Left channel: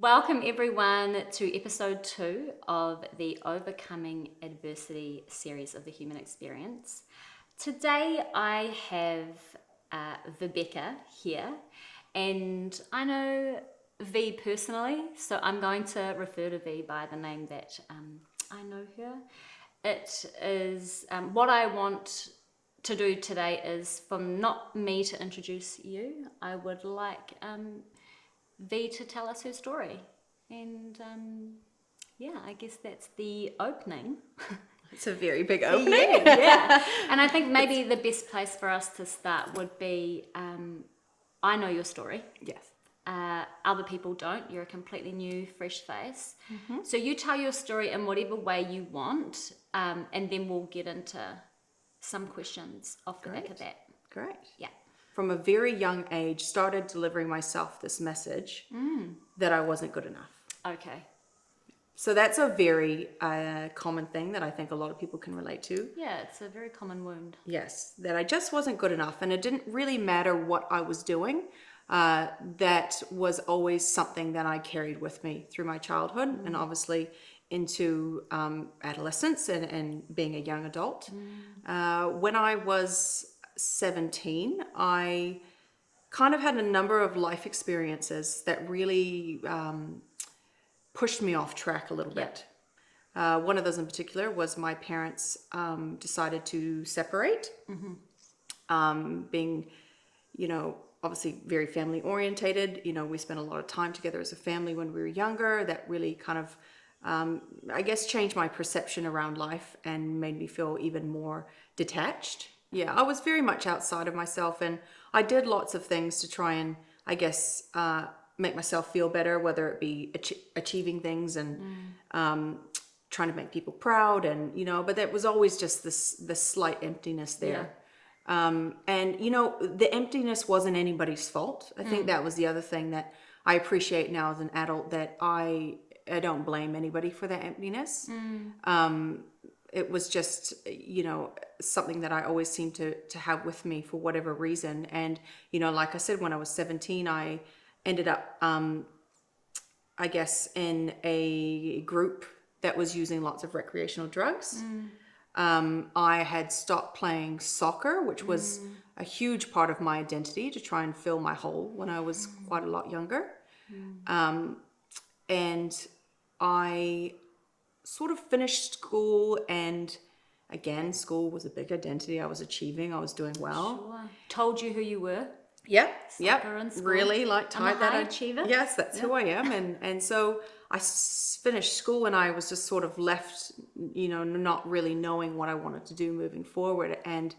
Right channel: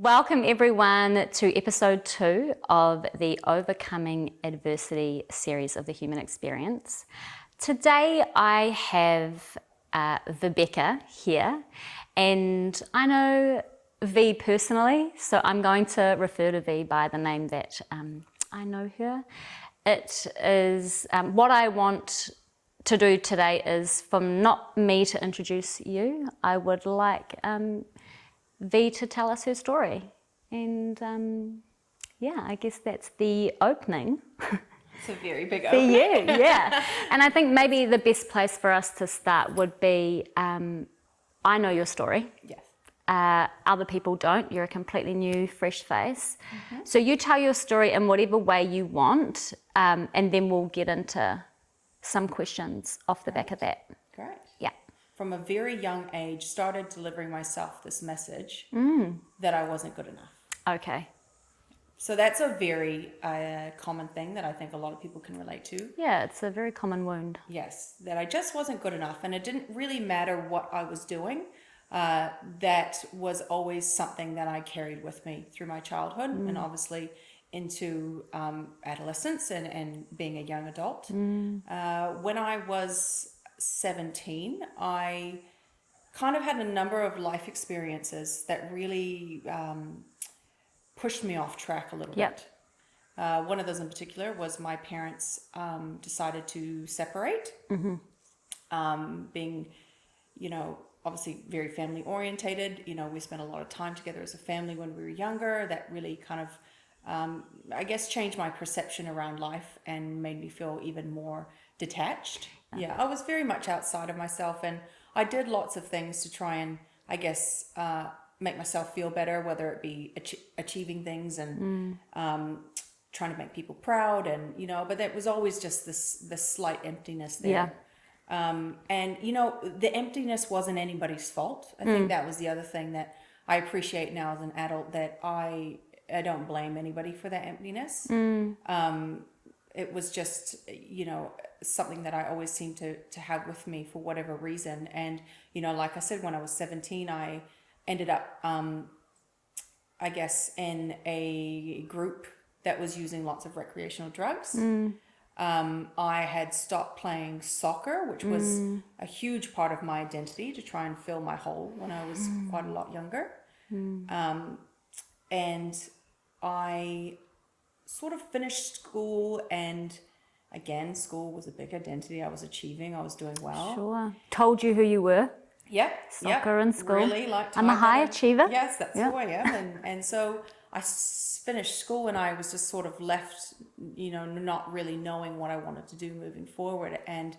Welcome everyone to episode 2 of the Overcoming Adversity series of the Human Experience. Today I have Rebecca here, and I know Vee personally, so I'm going to refer to Vee by the name that I know her. It is what I want to do today is from not me to introduce you. I would like Vee to tell us her story, and I guess that's the opening. It's a very big opening. Yeah. And I think maybe the best place for us to start would be, I know your story. Yes. Other people don't. You're a completely new, fresh face. Mm-hmm. So you tell your story in whatever way you want, and then we'll get into some questions off the back of that. Great. Yeah. From a very young age, started delivering myself this message that I wasn't good enough. Okay. So that's a very common thing that I think a lot of people can relate to. Yeah, it's a very common wound. Yes, that I just wasn't good enough, and it didn't really matter what I was doing. That was always something that I carried with me through my childhood and obviously into adolescence and being a young adult. When I was 17, I kind of had a number of life experiences that really pushed me off track a little bit. One of those in particular was my parents decided to separate, being, obviously very family orientated. We spent a lot of time together as a family when we were younger. That really kind of, I guess, changed my perception around life and made me feel even more detached. Yeah, I was very much outside of myself, and I did lots of things to try and, I guess, make myself feel better, whether it be achieving things and trying to make people proud, and but there was always just this slight emptiness there. And the emptiness wasn't anybody's fault. I think that was the other thing that I appreciate now as an adult, that I don't blame anybody for that emptiness. It was just, something that I always seemed to have with me for whatever reason. And, like I said, when I was 17, I ended up, I guess, in a group that was using lots of recreational drugs. I had stopped playing soccer, which was a huge part of my identity to try and fill my hole when I was quite a lot younger. And I sort of finished school, and again, school was a big identity. I was achieving, I was doing well. Sure. Told you who you were. Yep. Soccer in school. Really liked I'm a high achiever. Yes, that's who I am. And so I finished school, and I was just sort of left, not really knowing what I wanted to do moving forward. And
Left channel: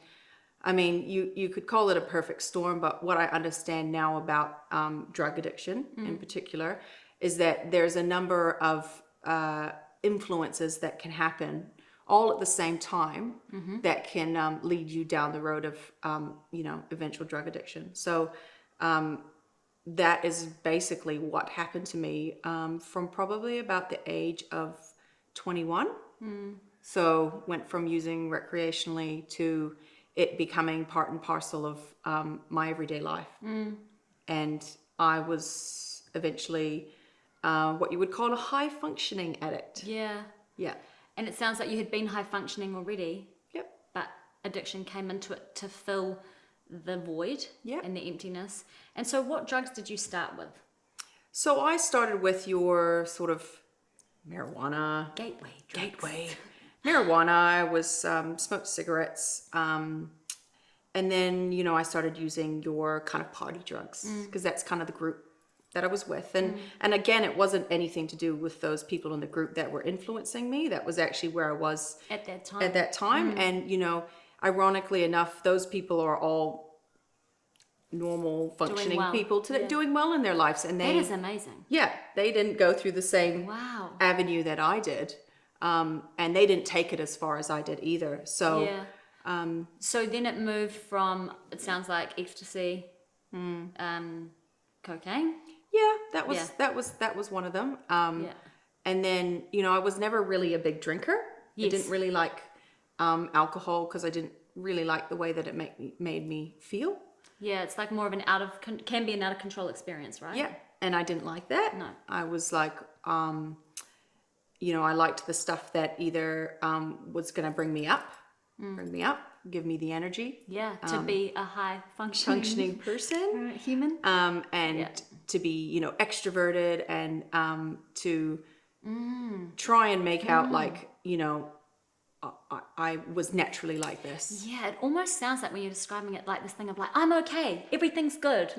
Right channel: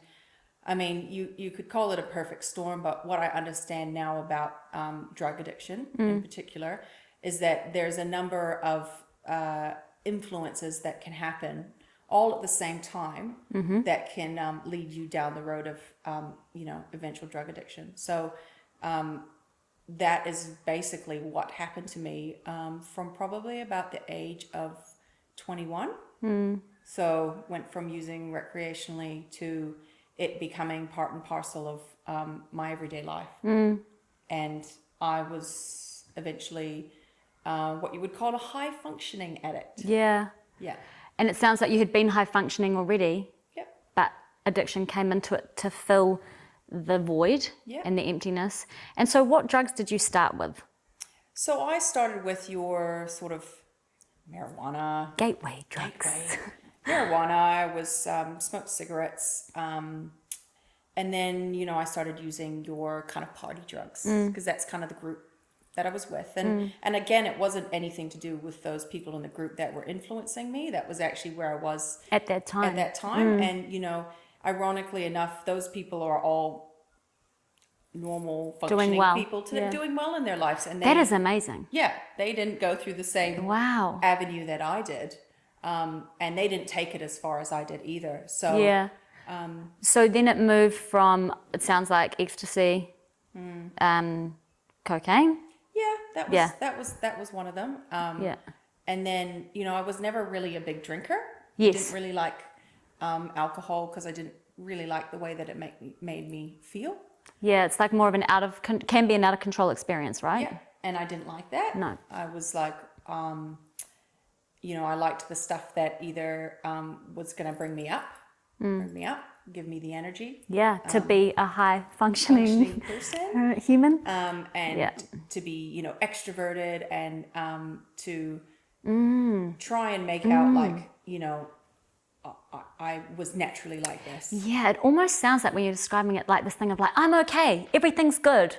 I mean, you could call it a perfect storm, but what I understand now about drug addiction in particular is that there's a number of influences that can happen all at the same time that can lead you down the road of eventual drug addiction. So that is basically what happened to me from probably about the age of 21. So went from using recreationally to it becoming part and parcel of my everyday life. And I was eventually what you would call a high functioning addict. Yeah. And it sounds like you had been high functioning already. Yep. But addiction came into it to fill the void and the emptiness. And so what drugs did you start with? So I started with your sort of marijuana. Gateway drugs. Marijuana. I was smoked cigarettes. And then, I started using your kind of party drugs, because that's kind of the group that I was with. And again, it wasn't anything to do with those people in the group that were influencing me. That was actually where I was at that time. And, ironically enough, those people are all normal functioning people doing well in their lives. And that is amazing. Yeah. They didn't go through the same avenue that I did. And they didn't take it as far as I did either. So, so then it moved from, it sounds like ecstasy, cocaine. Yeah, that was one of them. And then, I was never really a big drinker. I didn't really like alcohol, because I didn't really like the way that it made me feel. Yeah, it's like more of an can be an out of control experience, right? Yeah, and I didn't like that. No. I was like, I liked the stuff that either was going to bring me up, give me the energy. Yeah, to be a high functioning person, human. and to be, extroverted, and to try and make out like, I was naturally like this. Yeah, it almost sounds like when you're describing it like this thing of like, I'm okay, everything's good.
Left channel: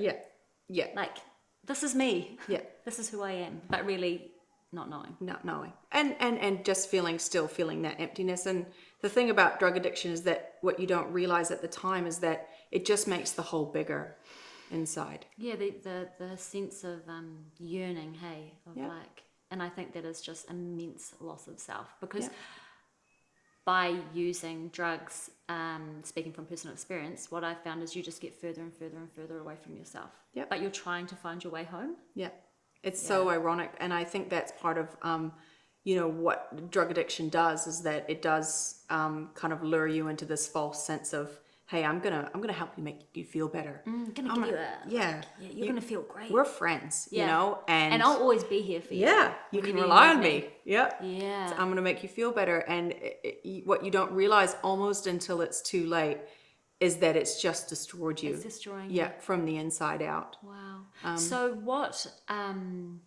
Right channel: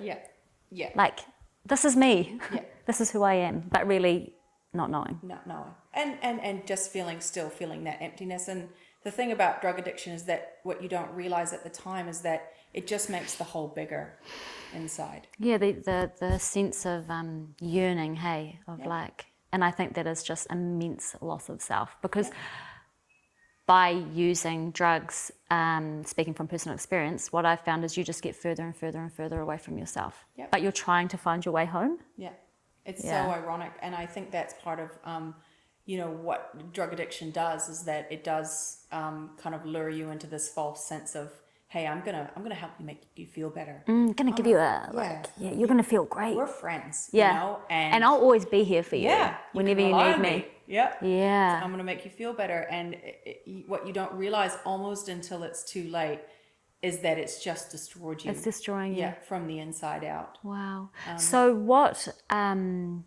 Yeah. Like, this is me. Yeah. This is who I am, but really not knowing. Not knowing. And just still feeling that emptiness. And the thing about drug addiction is that what you don't realize at the time is that it just makes the hole bigger inside. Yeah, the sense of yearning, like, and I think that is just immense loss of self, because by using drugs, speaking from personal experience, what I've found is you just get further and further and further away from yourself. Yeah. But you're trying to find your way home. Yeah. It's so ironic. And I think that's part of, what drug addiction does, is that it does kind of lure you into this false sense of, hey, I'm gonna help you, make you feel better. Gonna give you a you're gonna feel great. We're friends, and I'll always be here for you. Yeah, you can rely on me. Yeah. Yeah. I'm gonna make you feel better. And what you don't realize almost until it's too late is that it's just destroyed you. It's destroying you. Yeah, from the inside out. Wow. So what? And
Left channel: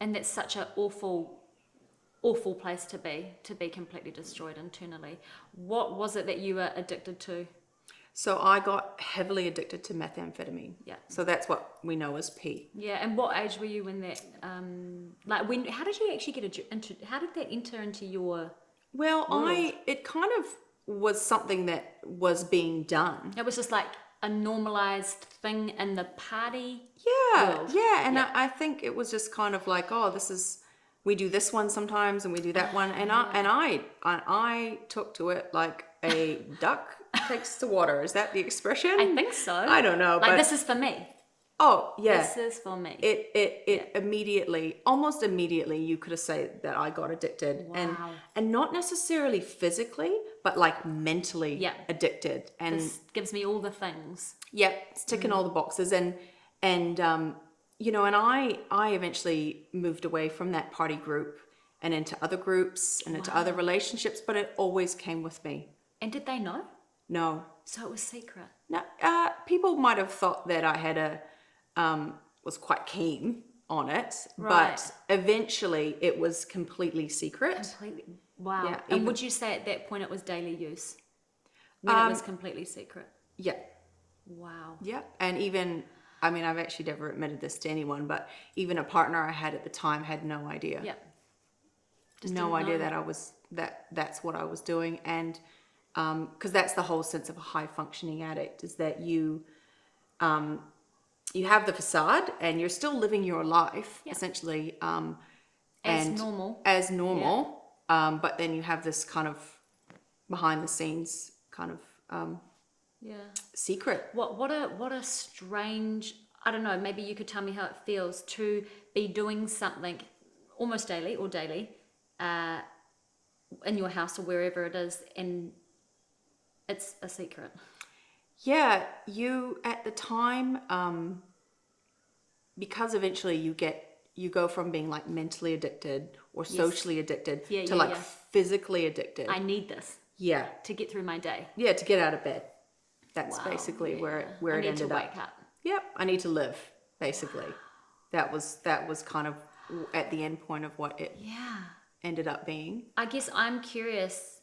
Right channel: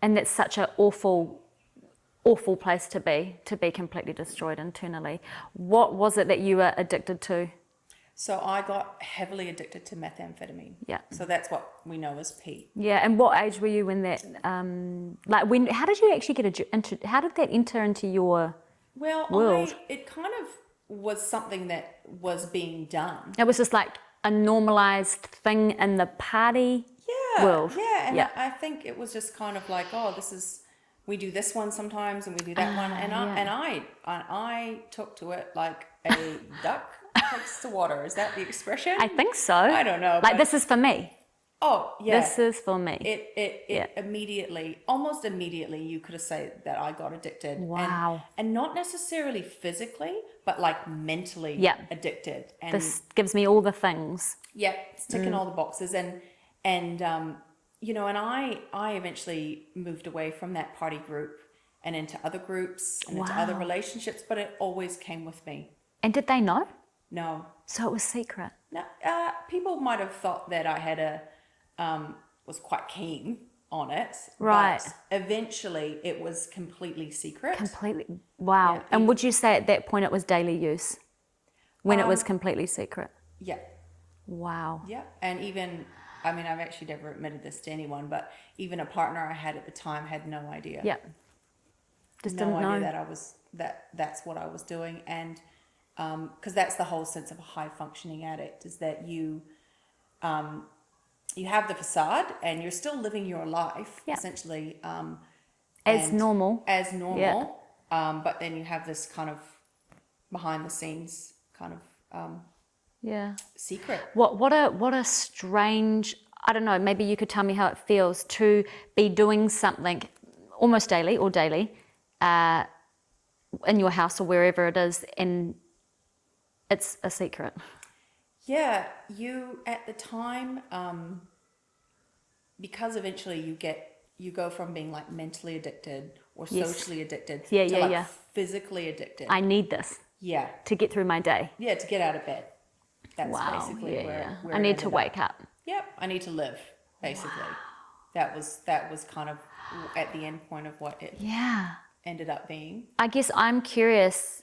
that's such an awful place to be completely destroyed internally. What was it that you were addicted to? So I got heavily addicted to methamphetamine. Yeah. So that's what we know as P. Yeah. And what age were you when that? How did you actually get how did that enter into your? Well, world? It kind of was something that was being done. It was just like a normalized thing in the party world. Yeah. And I think it was just kind of like, we do this one sometimes and we do that one. And I took to it like a duck takes to water. Is that the expression? I think so. I don't know. Like, this is for me. Oh, yeah. This is for me. It immediately, almost immediately, you could have said that I got addicted. Wow. And not necessarily physically, but like mentally addicted. And this gives me all the things. Yeah, it's ticking all the boxes. And I eventually moved away from that party group and into other groups and into other relationships, but it always came with me. And did they know? No. So it was secret. No, people might have thought that I had was quite keen on it, right? But eventually, it was completely secret. Completely. Wow. Yeah, and would you say at that point it was daily use, when it was completely secret? Yeah. Wow. Yeah, and even, I've actually never admitted this to anyone, but even a partner I had at the time had no idea. Yeah. Just no idea that that's what I was doing. And because that's the whole sense of a high functioning addict, is that you have the facade and you're still living your life essentially as normal, but then you have this kind of behind the scenes kind of secret. What a strange, I don't know, maybe you could tell me how it feels to be doing something almost daily in your house or wherever it is, and it's a secret. Yeah, you at the time, because eventually you go from being like mentally addicted or socially addicted to physically addicted. I need this. Yeah. To get through my day. Yeah, to get out of bed. That's basically where I need to wake up. Yep, I need to live, basically. Wow. That was kind of at the end point of what it ended up being. I guess I'm curious,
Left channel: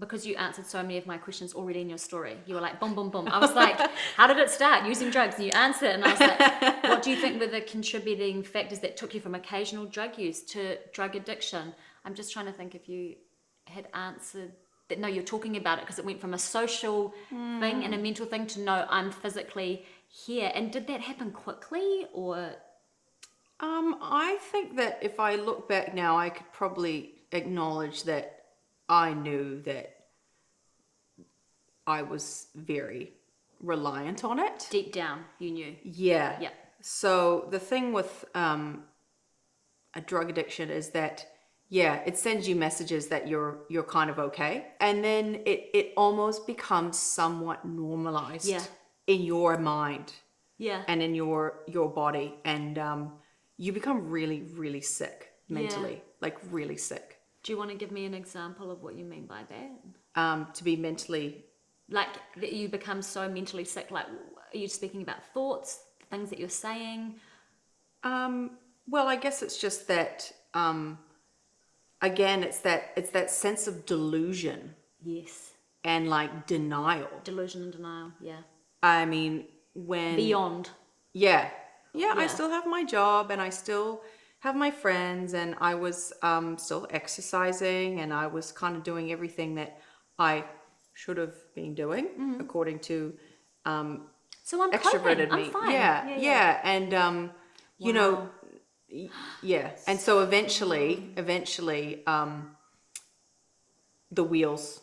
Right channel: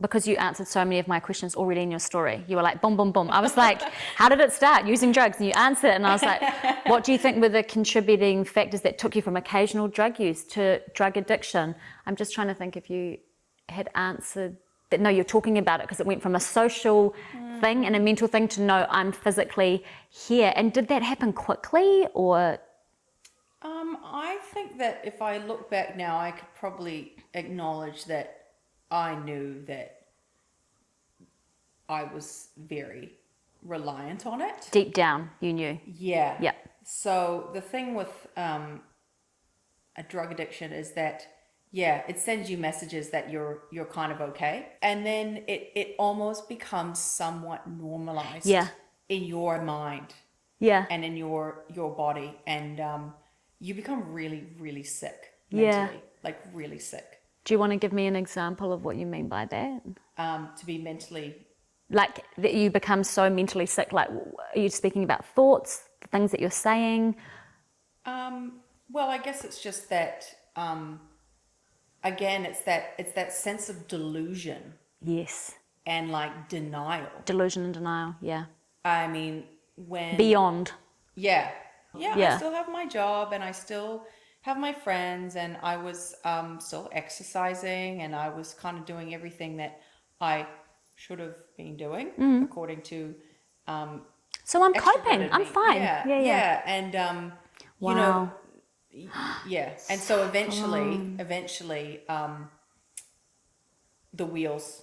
because you answered so many of my questions already in your story. You were like, boom, boom, boom. I was like, how did it start? Using drugs. And you answered it. And I was like, what do you think were the contributing factors that took you from occasional drug use to drug addiction? I'm just trying to think if you had answered that. No, you're talking about it because it went from a social thing and a mental thing to no, I'm physically here. And did that happen quickly or? I think that if I look back now, I could probably acknowledge that I knew that I was very reliant on it. Deep down, you knew. Yeah. Yeah. So the thing with a drug addiction is that, it sends you messages that you're kind of okay. And then it almost becomes somewhat normalized. Yeah. in your mind Yeah. and in your body, and you become really, really sick Yeah. mentally, like really sick. Do you want to give me an example of what you mean by that? To be mentally, Like that you become so mentally sick, like are you speaking about thoughts, the things that you're saying? well, I guess it's just that, again, it's that sense of delusion Yes. and like denial. Delusion and denial, yeah. I mean, when Beyond. yeah, I Yeah. still have my job and I still have my friends, and I was still exercising, and I was kind of doing everything that I should have been doing according to So I'm coping. extroverted I'm me. fine. Yeah. And you know, Wow. yeah. And so eventually, the wheels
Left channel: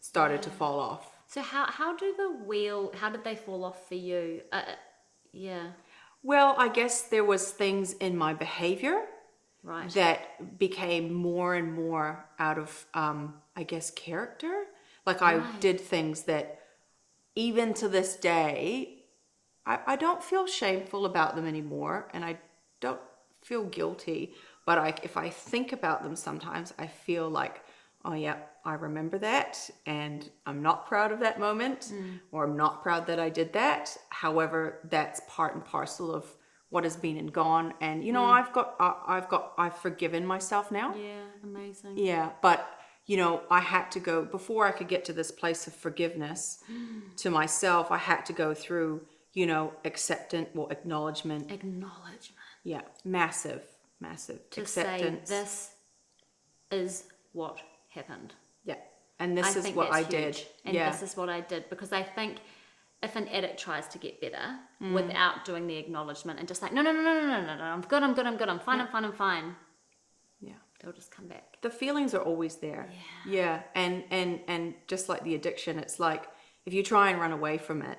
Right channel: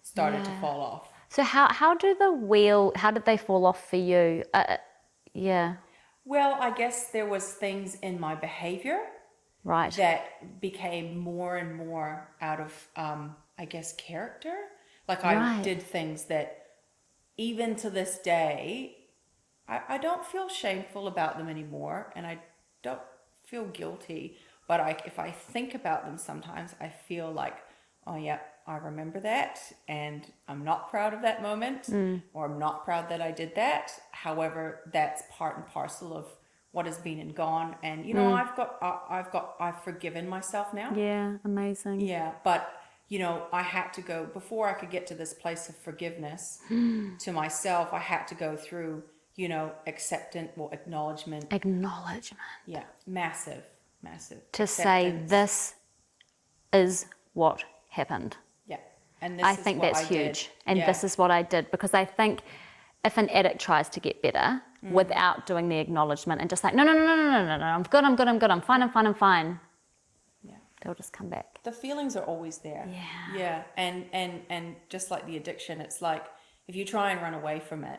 started to fall off. So how did they fall off for you? Yeah. Well, I guess there was things in my behavior Right. that became more and more out of, I guess, character. Like I Right. did things that even to this day, I don't feel shameful about them anymore, and I don't feel guilty. But if I think about them sometimes, I feel like, oh yeah, I remember that, and I'm not proud of that moment, or I'm not proud that I did that. However, that's part and parcel of what has been and gone. And you know, I've forgiven myself now. Yeah, amazing. Yeah, but you know, I had to go before I could get to this place of forgiveness to myself. I had to go through, you know, acknowledgement. Acknowledgement. Yeah, massive To say acceptance. this is what happened. Yeah, and this I is think what that's I did. huge. And Yeah. this is what I did, because I think if an addict tries to get better without doing the acknowledgement and just like, no, I'm good, I'm fine. Yeah. They'll just come back. The feelings are always there. Yeah. And just like the addiction, it's like if you try and run away from it,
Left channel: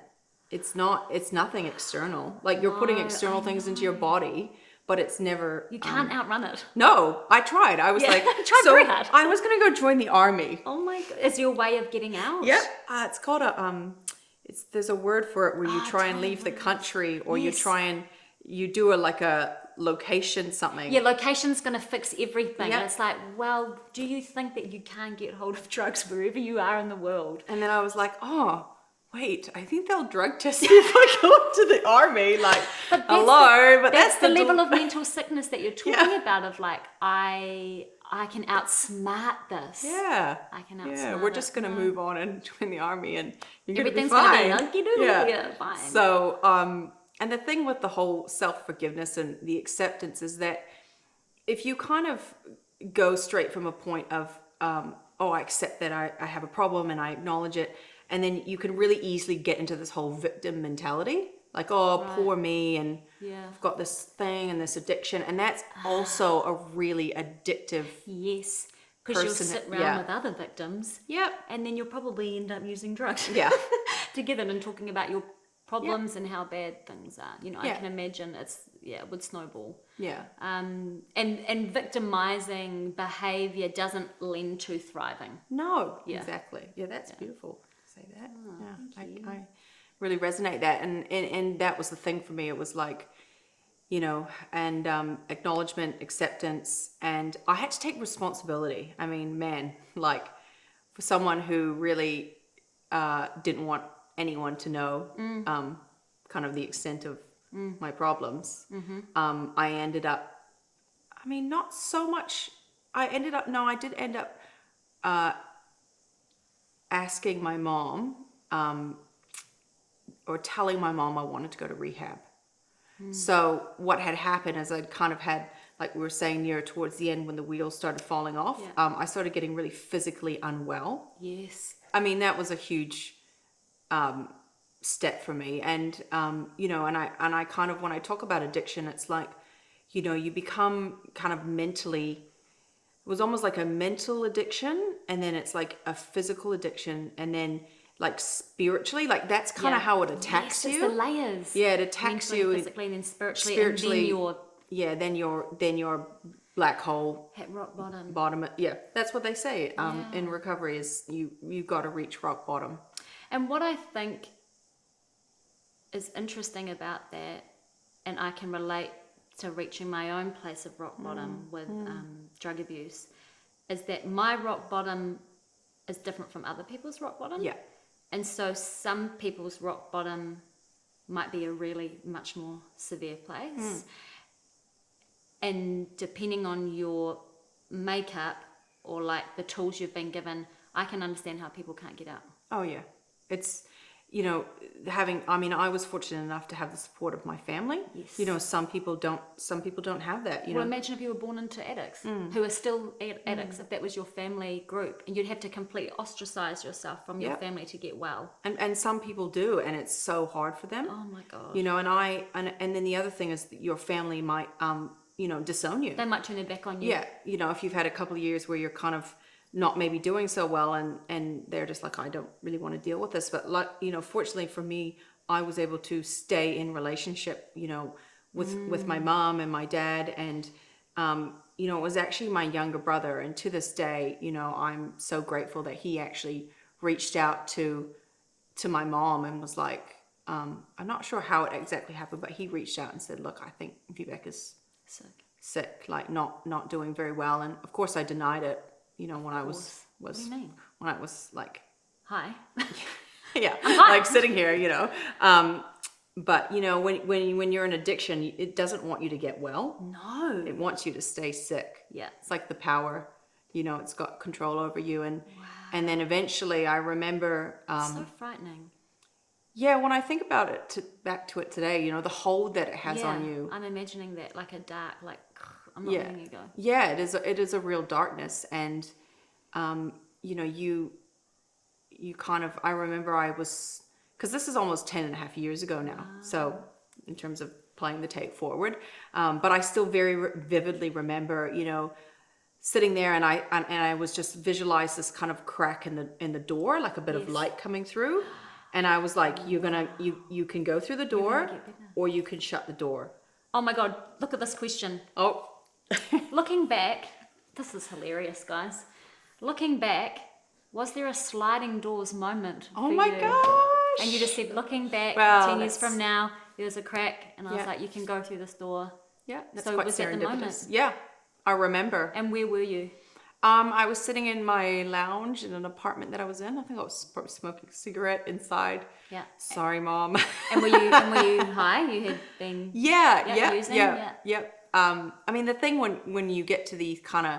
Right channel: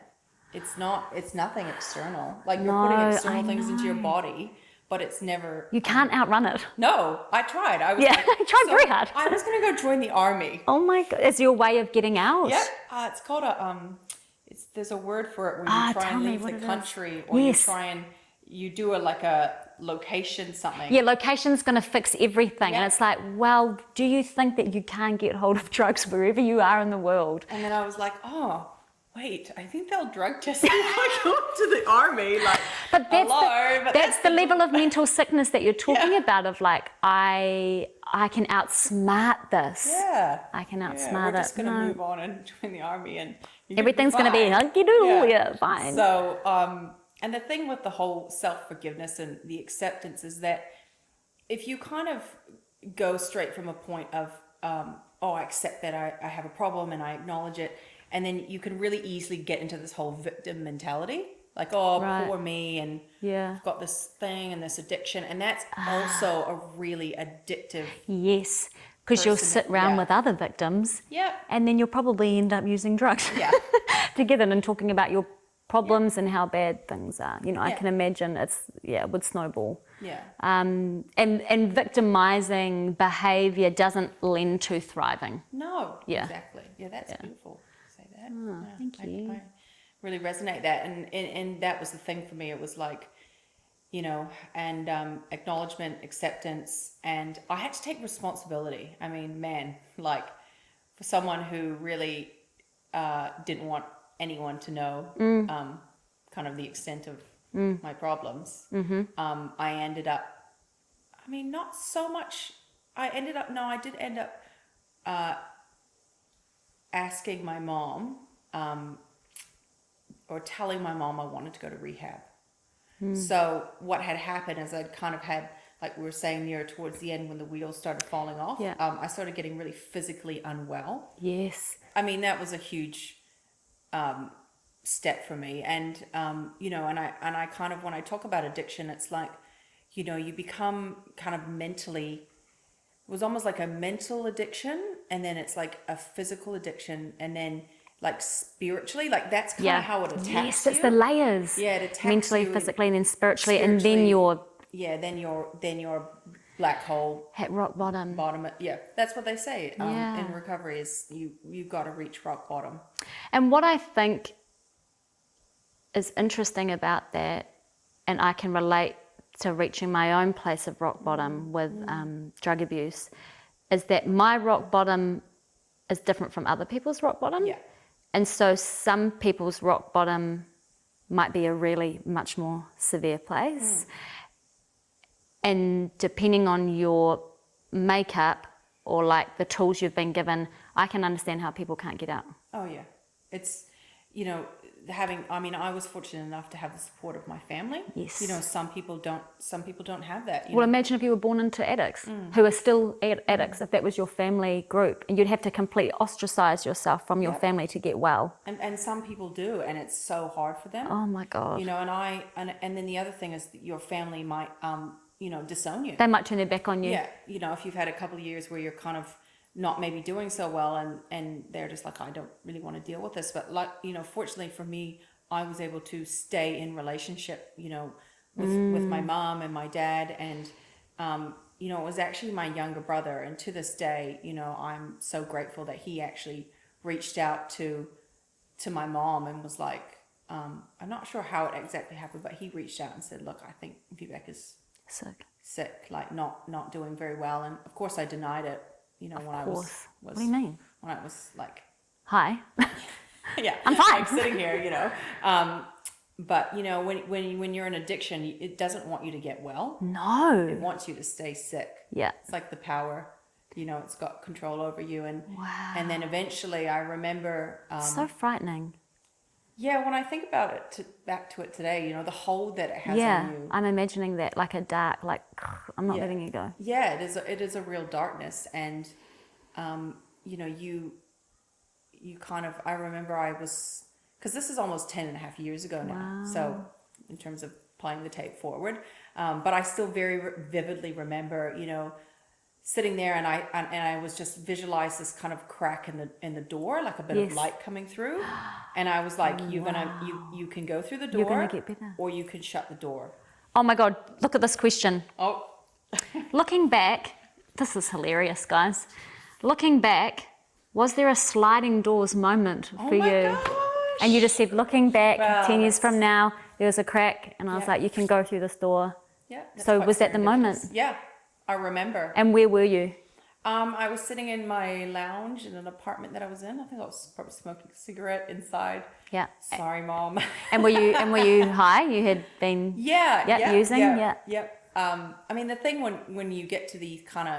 it's nothing external. Like you're putting No, external I things into your know. body, but it's never. You can't outrun it. No, I tried. I was Yeah, like, I tried so very hard. I was gonna go join the army. Oh my God. Is your way of getting out? Yep. It's called there's a word for it where you try tell and me leave the what it is. country, or Yes. you do a location something. Yeah, location's going to fix everything. Yeah. And it's like, well, do you think that you can get hold of drugs wherever you are in the world? And then I was like, oh, wait, I think they'll drug test me if I go to the army. Like, But that's the level of mental sickness that you're talking about, of like, I can outsmart this. Yeah. I can outsmart we're just it. going to No. move on and join the army, and you're Everything's going to be fine. hunky-doodle. Yeah, fine. So, and the thing with the whole self-forgiveness and the acceptance is that if you kind of go straight from a point of, oh, I accept that I have a problem and I acknowledge it, and then you can really easily get into this whole victim mentality, like, oh, Right. poor me, and Yeah. I've got this thing and this addiction, and that's also a really addictive. Yes, because you'll Person- sit around yeah. with other victims. Yeah. And then you'll probably end up using drugs. Yeah. To get in and talking about your problems and how bad things are. You know, I Yeah. can imagine it would snowball. Yeah. And victimizing behavior doesn't lend to thriving. No, Yeah. exactly. Yeah, that's beautiful to say that. thank you. I really resonate that. And that was the thing for me. It was like, you know, and acknowledgement, acceptance, and I had to take responsibility. I mean, man, like for someone who really didn't want anyone to know kind of the extent of my problems, I ended up, I mean, not so much, I did end up asking my mom, or telling my mom I wanted to go to rehab. So what had happened is I'd kind of had, like we were saying near towards the end when the wheels started falling off, Yeah. I started getting really physically unwell. Yes. I mean, that was a huge step for me. And, you know, and I kind of, when I talk about addiction, it's like, you know, you become kind of mentally, it was almost like a mental addiction, and then it's like a physical addiction, and then like spiritually, like that's kind of how it attacks yes, you. it's the layers. Yeah, it attacks mentally, you physically, and then spiritually, and then spiritually. you're Yeah, then your black hole at rock bottom. bottom. Yeah, that's what they say Yeah. in recovery is you've got to reach rock bottom. And what I think is interesting about that, and I can relate to reaching my own place of rock bottom with drug abuse, is that my rock bottom is different from other people's rock bottom. Yeah. And so some people's rock bottom might be a really much more severe place. And depending on your makeup or like the tools you've been given, I can understand how people can't get out. Oh yeah. It's, you know, I was fortunate enough to have the support of my family. Yes. You know, some people don't have that. You Well, know? imagine if you were born into addicts who are still addicts, if that was your family group, and you'd have to completely ostracize yourself from your family to get well. And some people do, and it's so hard for them. Oh my God. You know, and then the other thing is that your family might, you know, disown you. They might turn their back on you. Yeah. You know, if you've had a couple of years where you're kind of not maybe doing so well, and they're just like, I don't really want to deal with this. But like, you know, fortunately for me, I was able to stay in relationship, you know, with my mom and my dad, and you know, it was actually my younger brother, and to this day, you know, I'm so grateful that he actually reached out to my mom and was like, I'm not sure how it exactly happened, but he reached out and said, look, I think Vivek is sick, like not doing very well. And of course I denied it, you know, when I was what do you mean? When I was like, hi. yeah, like sitting here, you know. But you know, when you're in addiction, it doesn't want you to get well. No. It wants you to stay sick. Yeah. It's like the power, you know, it's got control over you. And Wow. and then eventually I remember So frightening. yeah, when I think about it, back to it today, you know, the hold that it has on you. I'm imagining that, like a dark, like, I'm not letting you go. Yeah, it is a real darkness. And you know, you kind of, I remember I was, because this is almost 10 and a half years ago now. Wow. So in terms of playing the tape forward, but I still very vividly remember, you know, sitting there, and I was just visualized this kind of crack in the door, like a bit of light coming through. And I was like, you can go through the door, or you can shut the door. Oh my God, look at this question. Oh. Looking back, this is hilarious, guys. Looking back, was there a sliding doors moment for you? Oh my gosh. And you just said, looking back, Well, 10 years from now, there was a crack, and I was like, you can go through this door. Yeah. So was that the moment? Yeah, I remember. And where were you? I was sitting in my lounge in an apartment that I was in. I think I was probably smoking a cigarette inside. Yeah. Sorry, Mom. And were you high? You had been using? Yeah. I mean, the thing when you get to these kind of,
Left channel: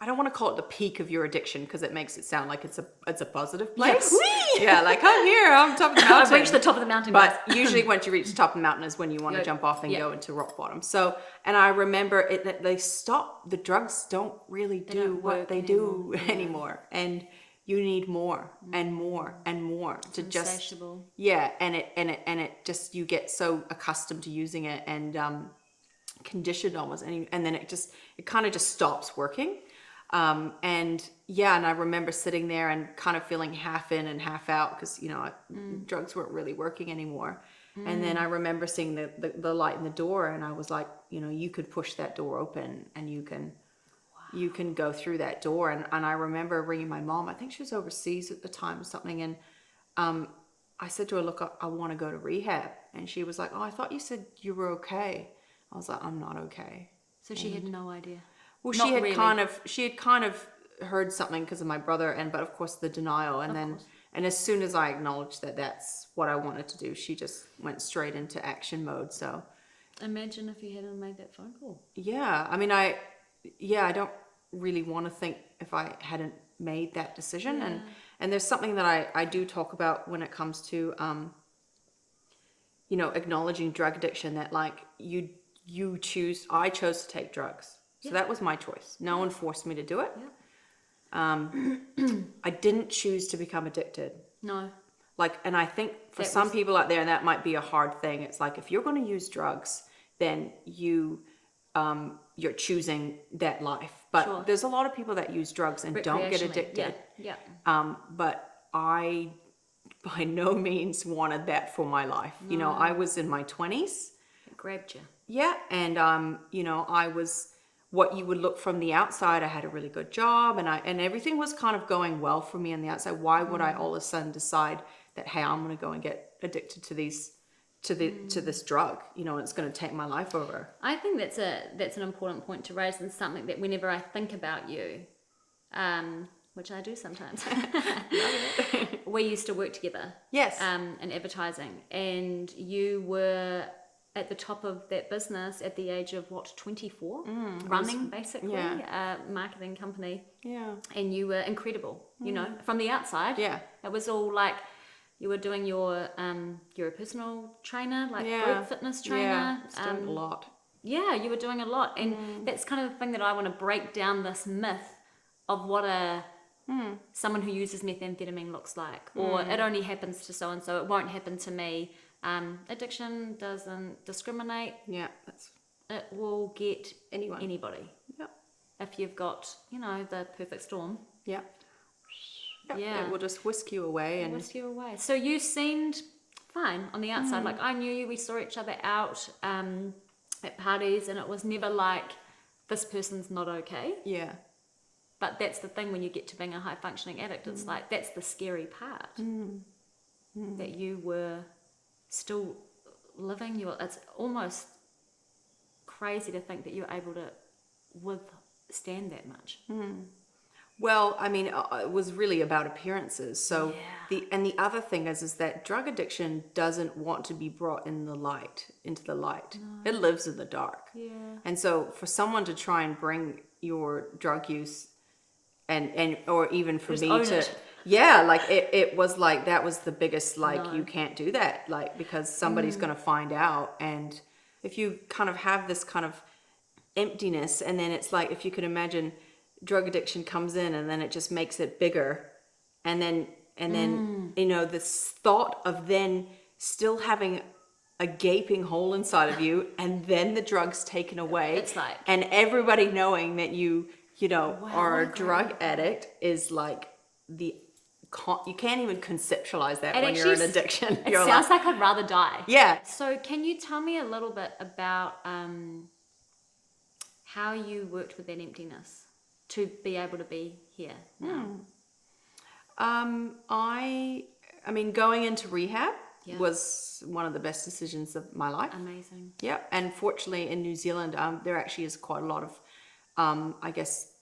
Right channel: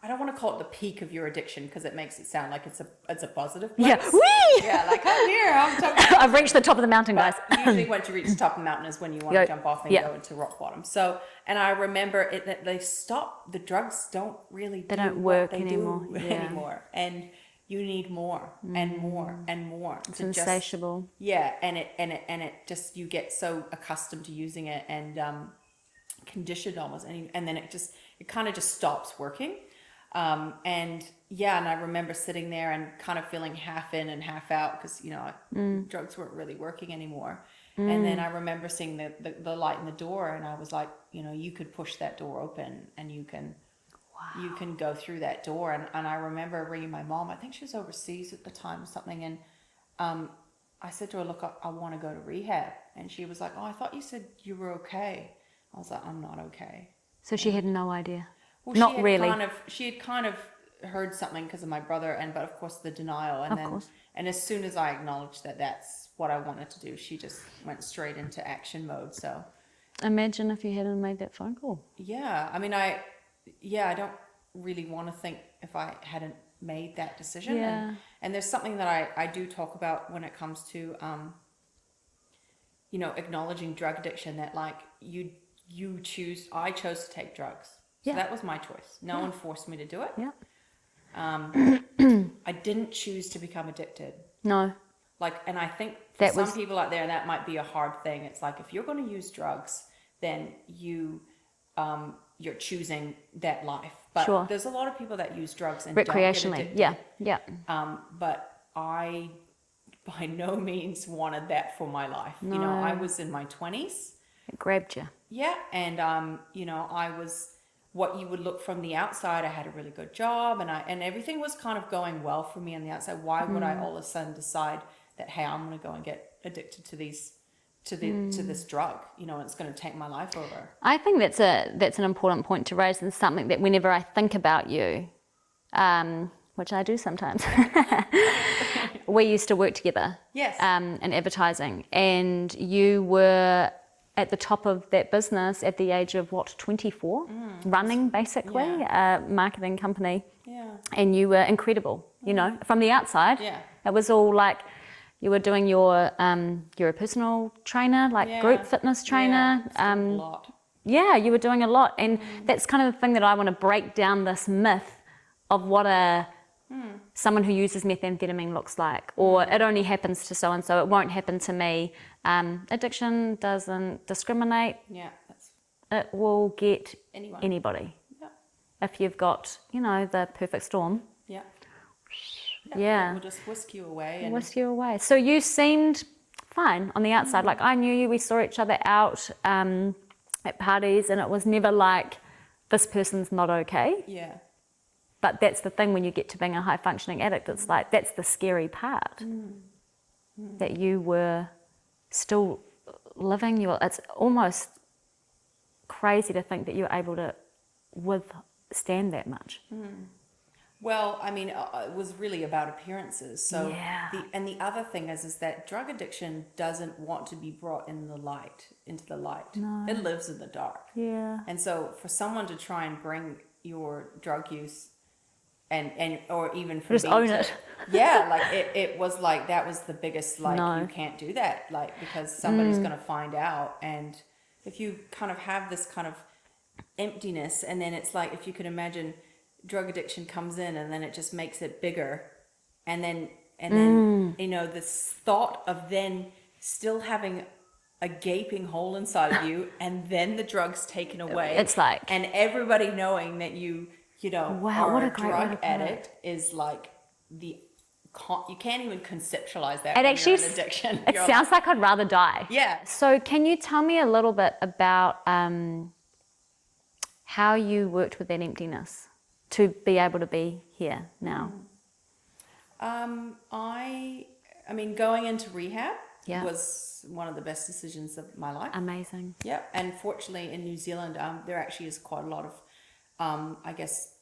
I don't want to call it the peak of your addiction, because it makes it sound like it's a positive place. Yeah, like I'm here, I'm top of the mountain. I've reached the top of the mountain, guys. But usually once you reach the top of the mountain is when you want to jump off and go into rock bottom. So, and I remember that they stop, the drugs don't really do don't what work they anymore. do anymore. And you need more and more and more It's to insatiable. and it just, you get so accustomed to using it and conditioned almost, and then it kind of just stops working. And I remember sitting there and kind of feeling half in and half out, because, you know, drugs weren't really working anymore. And then I remember seeing the light in the door, and I was like, you know, you could push that door open and you can go through that door. And I remember ringing my mom. I think she was overseas at the time or something. And I said to her, look, I want to go to rehab. And she was like, oh, I thought you said you were okay. I was like, I'm not okay. So she had no idea. Well, she had kind of heard something because of my brother, but of course the denial, and as soon as I acknowledged that that's what I wanted to do, she just went straight into action mode. So imagine if you hadn't made that phone call. Yeah, I mean, I don't really want to think if I hadn't made that decision. Yeah. And there's something that I do talk about when it comes to you know, acknowledging drug addiction, that like I chose to take drugs. So that was my choice. No one forced me to do it. Yeah. I didn't choose to become addicted. No. Like, and I think for some people out there, that might be a hard thing. It's like, if you're going to use drugs, then you're choosing that life. But there's a lot of people that use drugs and don't get addicted. Yeah. But I, by no means, wanted that for my life. No. You know, I was in my 20s. It grabbed you. Yeah, and you know, I was what you would look from the outside. I had a really good job, and everything was kind of going well for me on the outside. Why would I all of a sudden decide that, hey, I'm going to go and get addicted to this drug. You know, it's going to take my life over. I think that's an important point to raise, and something that whenever I think about you, which I do sometimes, we used to work together. Yes. In advertising, and you were at the top of that business at the age of 24, running basically a marketing company. Yeah. And you were incredible, you know, from the outside. Yeah. It was all like you were doing you're a personal trainer, like group fitness trainer. Yeah, still a lot. Yeah, you were doing a lot. And that's kind of the thing that I want to break down, this myth of what someone who uses methamphetamine looks like, or it only happens to so-and-so, it won't happen to me. Addiction doesn't discriminate. Yeah, It will get anybody. Yeah. If you've got, you know, the perfect storm. Yeah. Yeah. It will just whisk you away. And whisk you away. So you seemed fine on the outside. Like, I knew you, we saw each other out at parties, and it was never like, this person's not okay. Yeah. But that's the thing when you get to being a high functioning addict, it's like, that's the scary part. That you were still living it's almost crazy to think that you're able to withstand that much. Well, I mean, it was really about appearances. So the other thing is that drug addiction doesn't want to be brought into the light. No. It lives in the dark. Yeah. And so for someone to try and bring your drug use and or even for just me own to it. Yeah, like it was like, that was the biggest, like, you can't do that, like, because somebody's going to find out. And if you kind of have this kind of emptiness, and then it's like, if you could imagine drug addiction comes in and then it just makes it bigger, and then you know, this thought of then still having a gaping hole inside of you, and then the drug's taken away, it's like, and everybody knowing that you know, are a drug addict is like you can't even conceptualize that when you're in addiction. It sounds like I'd rather die. Yeah. So can you tell me a little bit about how you worked with that emptiness to be able to be here now? I mean, going into rehab was one of the best decisions of my life. Amazing. Yep. And fortunately in New Zealand, there actually is quite a lot of, I guess,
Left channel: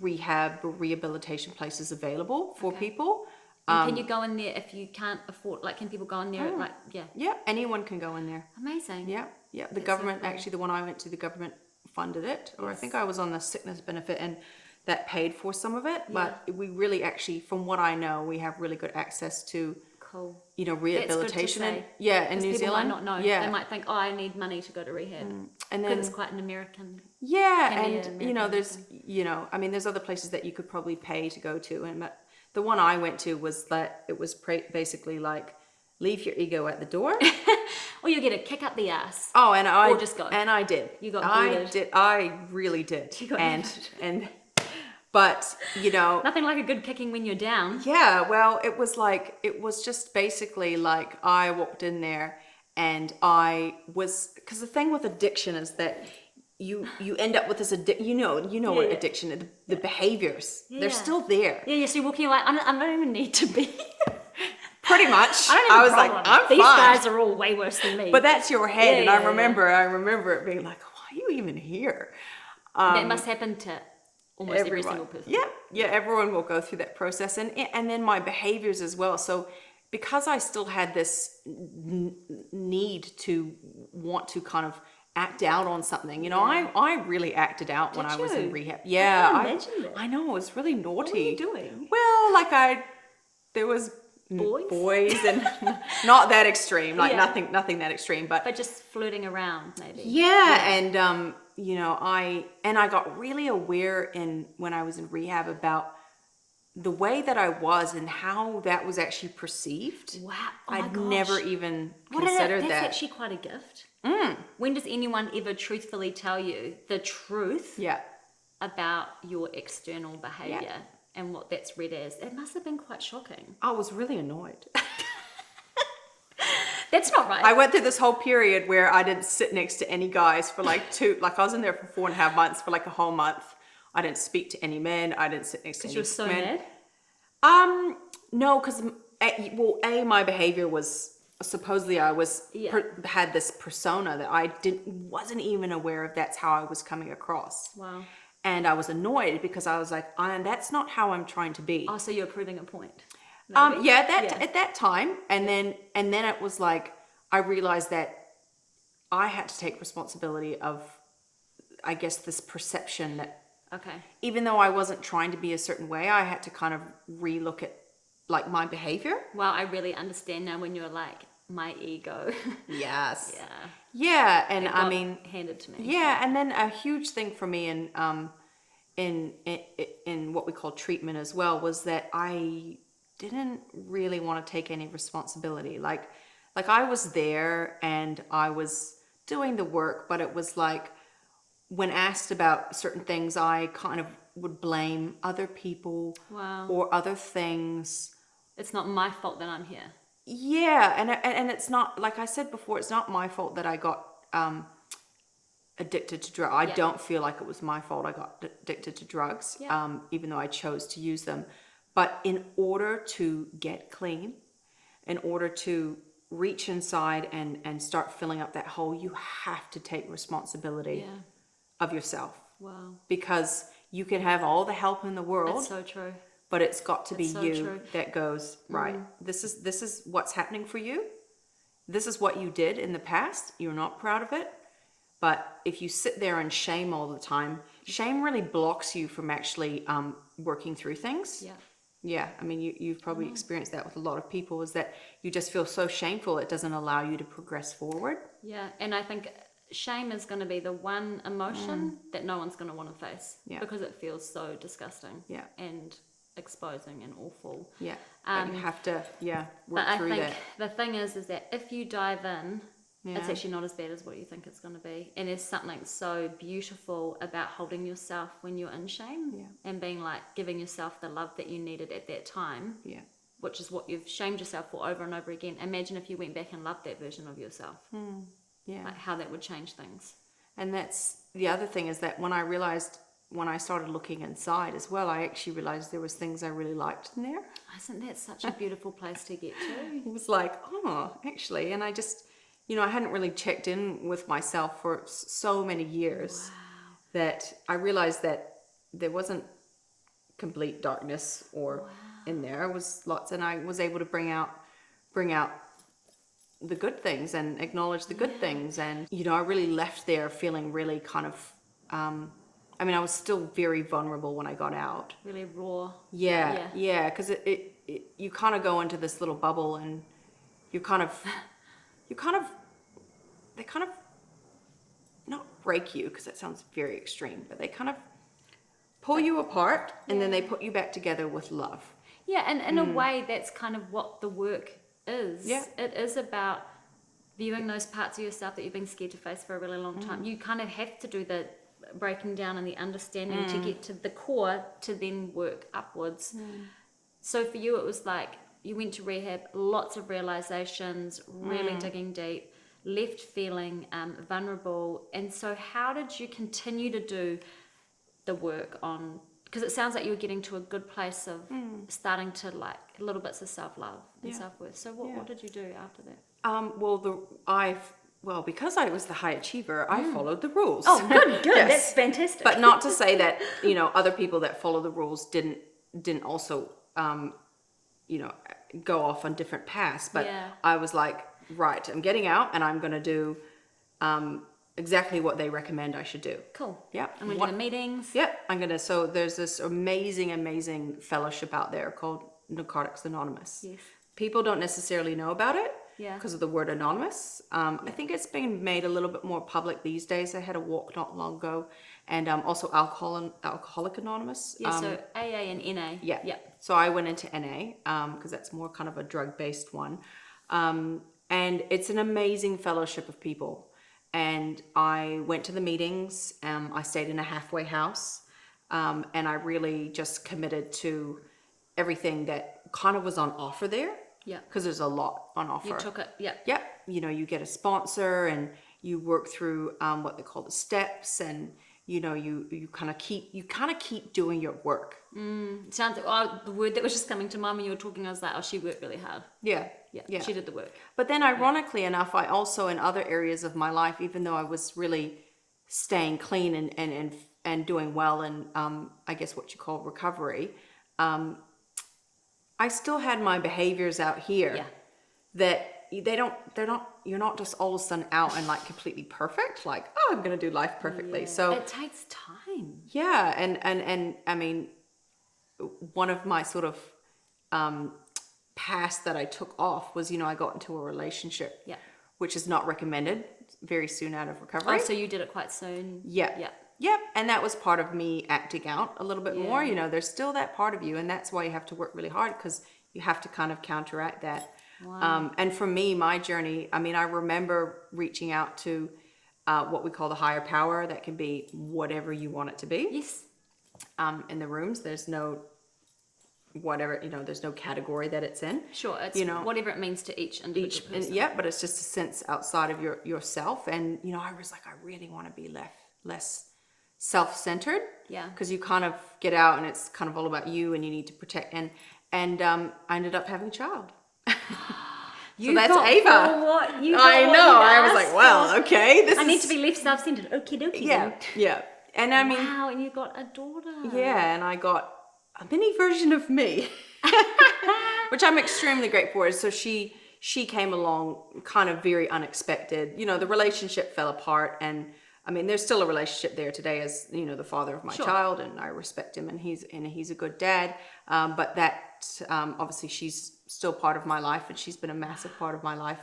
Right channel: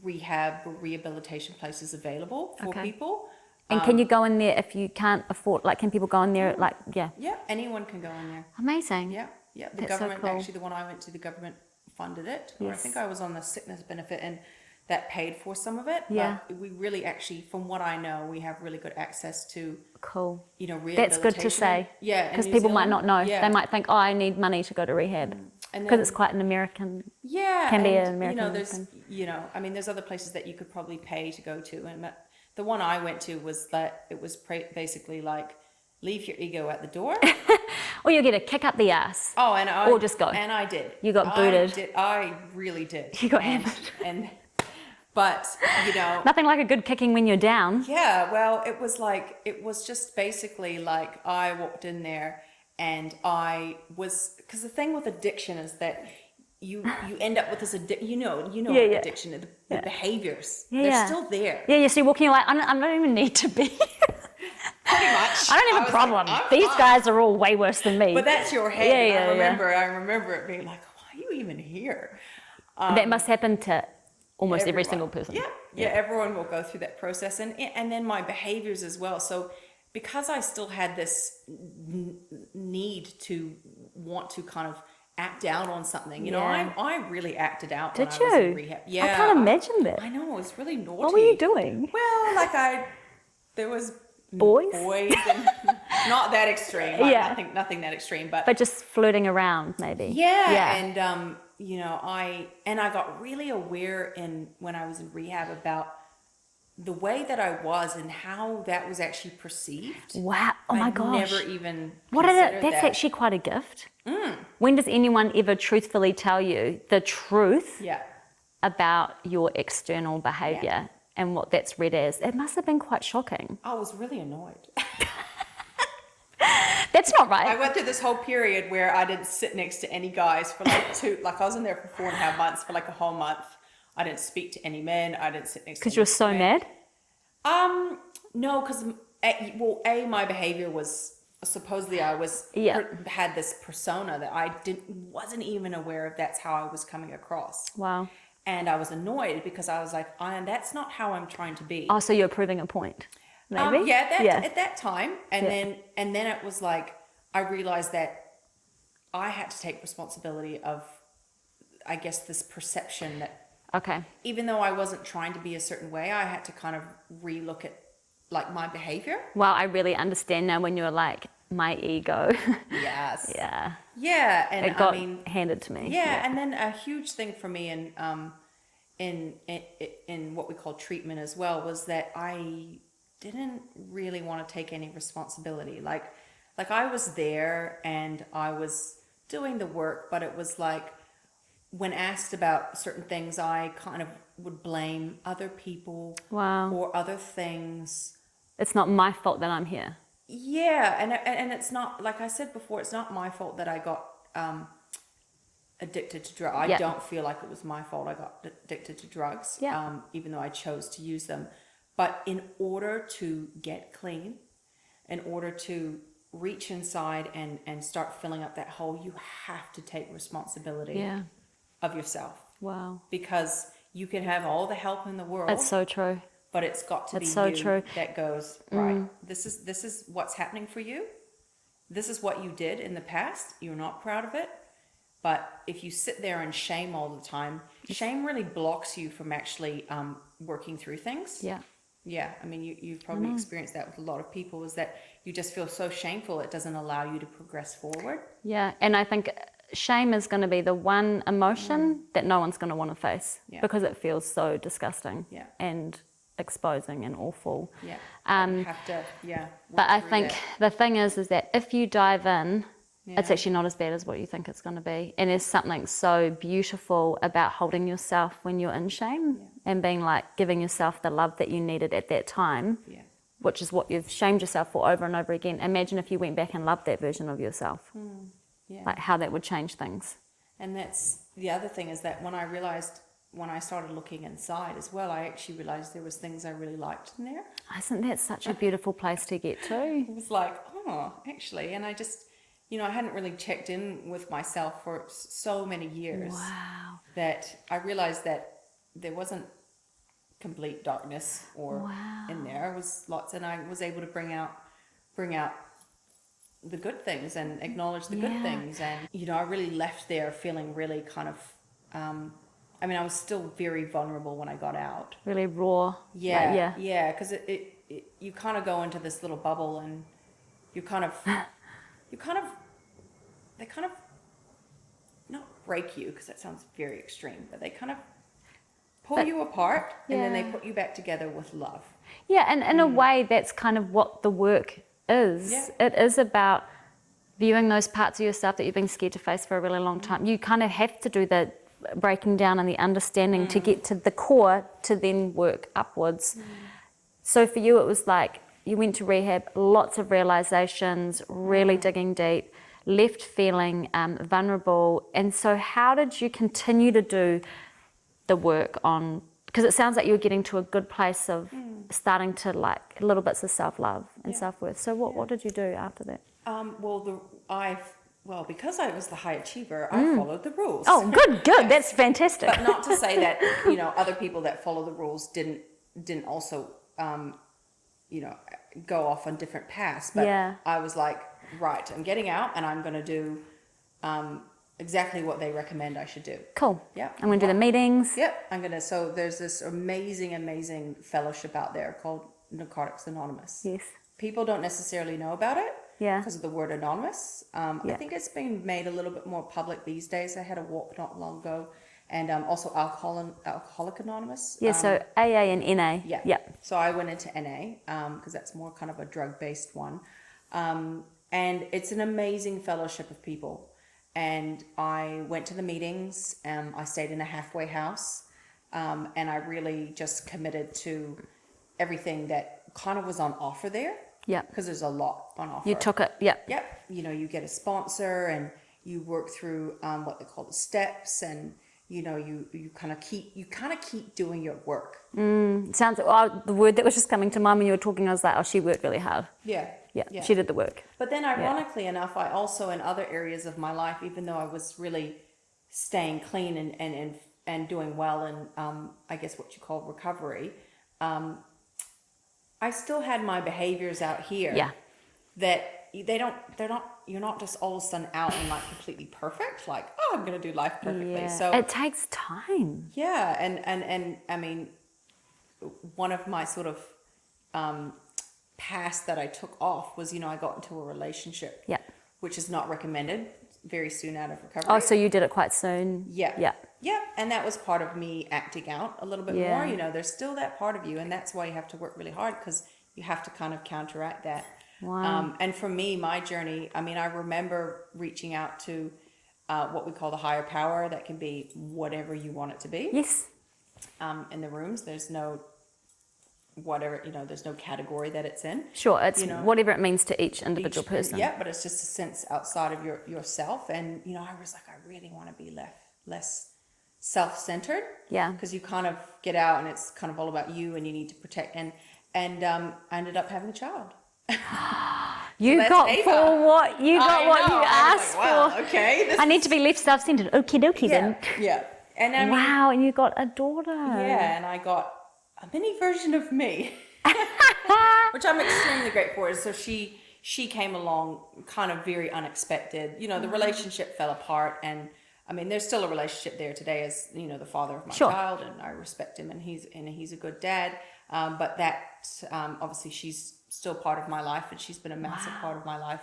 rehabilitation places available for people. And can you go in there if you can't afford, like, can people go in there, like, Yeah, anyone can go in there. Amazing. Yeah. The government, actually, the one I went to, the government funded it. Or I think I was on the sickness benefit, and that paid for some of it. But we really actually, from what I know, we have really good access to, you know, rehabilitation. That's good to say. Yeah, because people might not know. They might think, I need money to go to rehab. Because it's quite an American. Can be an American. You know, there's, you know, I mean, there's other places that you could probably pay to go to, but the one I went to was that it was basically like, leave your ego at the door. Or you get a kick up the ass. Oh, and I just go. And I did. You got booted. I really did. You got but, you know, nothing like a good kicking when you're down. Yeah, well, it was just basically like, I walked in there and I was, because the thing with addiction is that you end up with this you know what addiction is, the behaviors, they're still there. Yeah, you see walking like, I don't even need to be. Pretty much. I was like, I'm These fine. Guys are all way worse than me. But that's your head. I remember it being like, why are you even here? That must happen to almost every single person. Yeah, everyone will go through that process, and then my behaviors as well. So because I still had this need to want to kind of act out on something, you know, I really acted out when I was in rehab. Yeah, I can't imagine that. I know, it was really naughty. What were you doing? Well, like there was boys and not that extreme, like nothing that extreme, but just flirting around maybe. And you know, I got really aware when I was in rehab about the way that I was and how that was actually perceived. Wow! Oh my gosh! Never even considered that. That's actually quite a gift. When does anyone ever truthfully tell you the truth about your external behavior and what that's read as? It must have been quite shocking. I was really annoyed. That's not right. I went through this whole period where I didn't sit next to any guys for like I was in there for 4.5 months, for like a whole month. I didn't speak to any men. I didn't sit next to any men. Because you were so mad? No, because my behavior was supposedly I was Yeah. had this persona that I wasn't even aware of. That's how I was coming across. Wow. And I was annoyed because I was like, that's not how I'm trying to be. Oh, so you're proving a point. Maybe? Yeah, at that time. And Yeah. then it was like, I realized that I had to take responsibility of, I guess, this perception that Okay. even though I wasn't trying to be a certain way, I had to kind of relook at like my behavior. Well, I really understand now when you're like, my ego. Yes. Yeah. Yeah, and It got I mean, handed to me. yeah, and then a huge thing for me in what we call treatment as well was that I didn't really want to take any responsibility. Like I was there and I was doing the work, but it was like when asked about certain things, I kind of would blame other people Wow. or other things. It's not my fault that I'm here. Yeah, and it's not, like I said before, it's not my fault that I got addicted to drugs. I Yeah. don't feel like it was my fault I got addicted to drugs, Yeah. even though I chose to use them. But in order to get clean, in order to reach inside and start filling up that hole, you have to take responsibility Yeah. of yourself. Wow. Because you can have all the help in the world, That's so true. but it's got to be That's so you true. that goes, right, this is what's happening for you. This is what you did in the past. You're not proud of it. But if you sit there in shame all the time, shame really blocks you from actually working through things. Yeah. Yeah, I mean, you've probably experienced that with a lot of people, is that you just feel so shameful it doesn't allow you to progress forward. Yeah. And I think shame is going to be the one emotion that no one's going to want to face because it feels so disgusting and exposing and awful. Yeah, but you have to, work But I through think that. the thing is that if you dive in, it's actually not as bad as what you think it's going to be. And there's something so beautiful about holding yourself when you're in shame and being like giving yourself the love that you needed at that time, which is what you've shamed yourself for over and over again. Imagine if you went back and loved that version of yourself, like how that would change things. And that's the other thing, is that when I started looking inside as well, I actually realized there was things I really liked in there. Isn't that such a beautiful place to get to? It was like, actually, and I just, I hadn't really checked in with myself for so many years. Wow. That I realized that there wasn't complete darkness or in there. It was lots, and I was able to bring out the good things and acknowledge the good things. And I really left there feeling really kind of I mean, I was still very vulnerable when I got out. Really raw. Yeah, because it you kind of go into this little bubble, and they kind of not break you, because that sounds very extreme, but they kind of pull you apart, and then they put you back together with love. Yeah, and in a way, that's kind of what the work is. Yeah. It is about viewing those parts of yourself that you've been scared to face for a really long time. You kind of have to do the breaking down and the understanding to get to the core to then work upwards. So for you, it was like you went to rehab, lots of realizations, really digging deep, left feeling vulnerable. And so how did you continue to do the work on, because it sounds like you were getting to a good place of starting to like little bits of self-love and self-worth. So what did you do after that? Well, because I was the high achiever, I followed the rules. Oh, good. That's fantastic. But not to say that, other people that follow the rules didn't also, go off on different paths. But I was like, right, I'm getting out, and I'm going to do exactly what they recommend I should do. Cool. Yeah. I'm going to do the meetings. Yep. So there's this amazing fellowship out there called Narcotics Anonymous. Yes. People don't necessarily know about it. Yeah. Because of the word anonymous. I think it's been made a little bit more public these days. I had a walk not long ago, and also Alcoholic Anonymous. Yeah, so AA and NA. Yeah. Yeah. So I went into NA because that's more kind of a drug-based one. And it's an amazing fellowship of people. And I went to the meetings. I stayed in a halfway house. And I really just committed to everything that kind of was on offer there. Yeah. Because there's a lot on offer. You took it. Yeah. Yep. You get a sponsor, and you work through what they call the steps, and you kind of keep doing your work. Sounds the word that was just coming to mind when you were talking. I was like, oh, she worked really hard. Yeah. Yeah. She did the work. But then ironically enough, I also, in other areas of my life, even though I was really staying clean and doing well in, I guess what you call recovery, I still had my behaviors out here that you're not just all of a sudden out and like completely perfect, like, oh, I'm going to do life perfectly. So it takes time. Yeah. And I mean, one of my sort of, past that I took off was, I got into a relationship, which is not recommended, very soon out of recovery. Oh, so you did it quite soon? Yeah. And that was part of me acting out a little bit more. There's still that part of you, and that's why you have to work really hard, because you have to kind of counteract that. Wow. And for me, my journey, I mean, I remember reaching out to what we call the higher power. That can be whatever you want it to be. Yes. In the rooms, there's no whatever, there's no category that it's in. Sure, it's whatever it means to each individual person. Yeah, but it's just a sense outside of yourself. And, I was like, I really want to be less self-centered. Yeah. Because you kind of get out and it's kind of all about you, and you need to protect. And I ended up having a child. You that's got Ava. for what you got. I know. What you I was asked like, well, for. okay. I need to be less self-centered. Okie dokie then. Yeah. And I mean, wow, and you got a daughter. Yeah, and I got a mini version of me, which I'm extremely grateful for. So she came along kind of very unexpected. The relationship fell apart, and I mean, there's still a relationship there today as, the father of my child, and I respect him, and he's a good dad. But that, obviously she's still part of my life, and she's been a massive part of my life.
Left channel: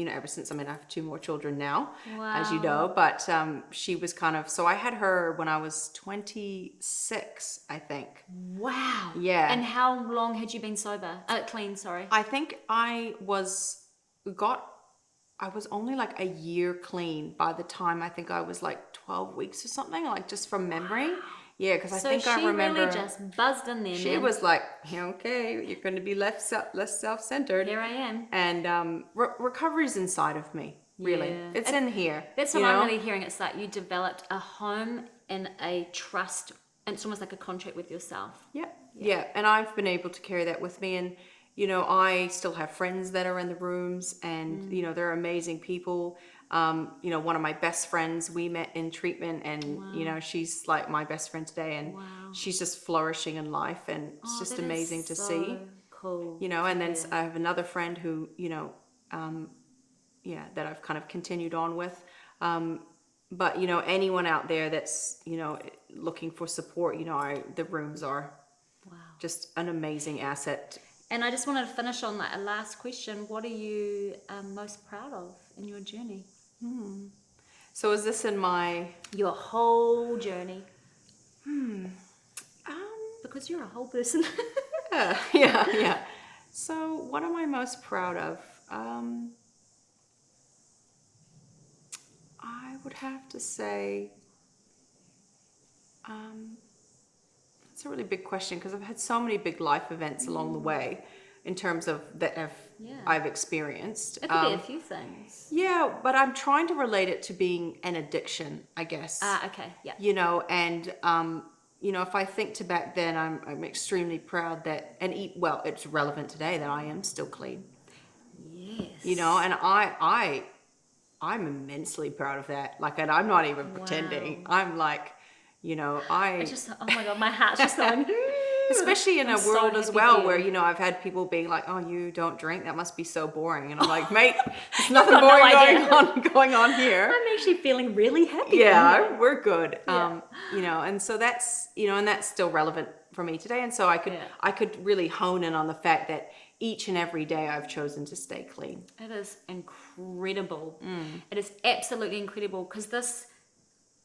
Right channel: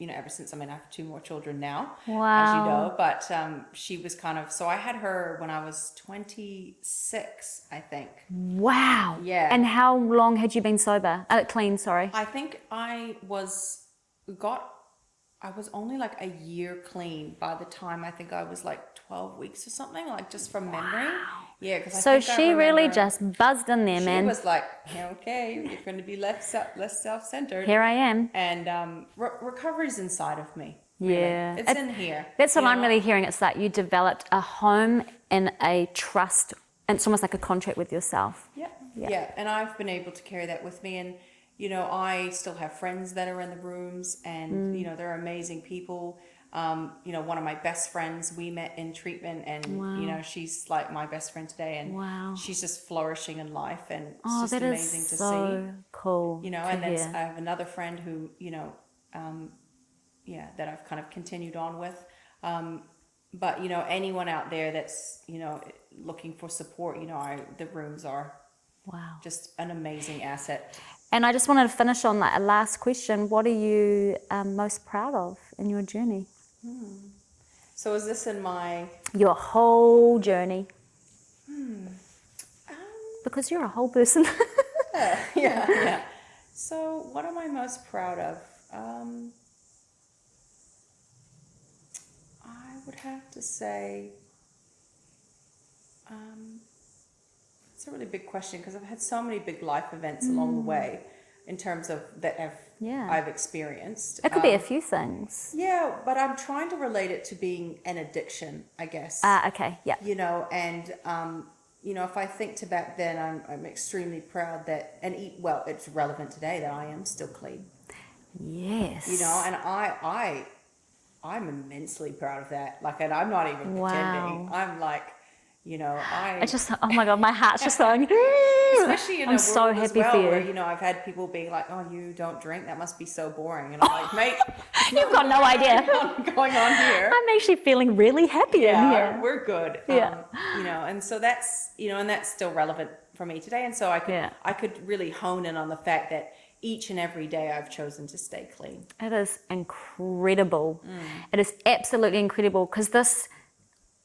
Ever since, I have 2 more children now, as you know, but she was kind of, so I had her when I was 26, I think. Wow. Yeah. And how long had you been sober? Clean, sorry. I think I was only like a year clean by the time I think I was like 12 weeks or something, like just from memory. Wow. Yeah, because So she really just buzzed in there, man. She was like, okay, you're going to be less self-centered. Here I am. And recovery's inside of me. Really. Yeah. It's in here. That's what I'm really hearing. It's like you developed a home and a trust, and it's almost like a contract with yourself. Yeah. And I've been able to carry that with me. And, I still have friends that are in the rooms, and, they're amazing people. One of my best friends, we met in treatment, and, she's like my best friend today, and she's just flourishing in life, and it's just amazing to see. Cool. And then I have another friend who, that I've kind of continued on with. But, anyone out there that's, looking for support, the rooms are just an amazing asset. And I just wanted to finish on that last question. What are you most proud of in your journey? So is this in your whole journey? Because you're a whole person. Yeah. So what am I most proud of? I would have to say, it's a really big question, because I've had so many big life events along the way, in terms of that I've experienced. It could be a few things. Yeah, but I'm trying to relate it to being an addiction, I guess. Okay, yeah. And if I think to back then, I'm extremely proud that, it's relevant today that I am still clean. Yes. And I'm immensely proud of that. Like, and I'm not even pretending. I'm like, it's just, oh my God, my heart's just going. Especially in a world as well where, I've had people being like, oh, you don't drink? That must be so boring. And I'm like, mate, there's nothing boring going on here. I'm actually feeling really happy. Yeah, we're good. And so that's, and that's still relevant for me today. And so I could really hone in on the fact that each and every day I've chosen to stay clean. It is incredible. It is absolutely incredible, because this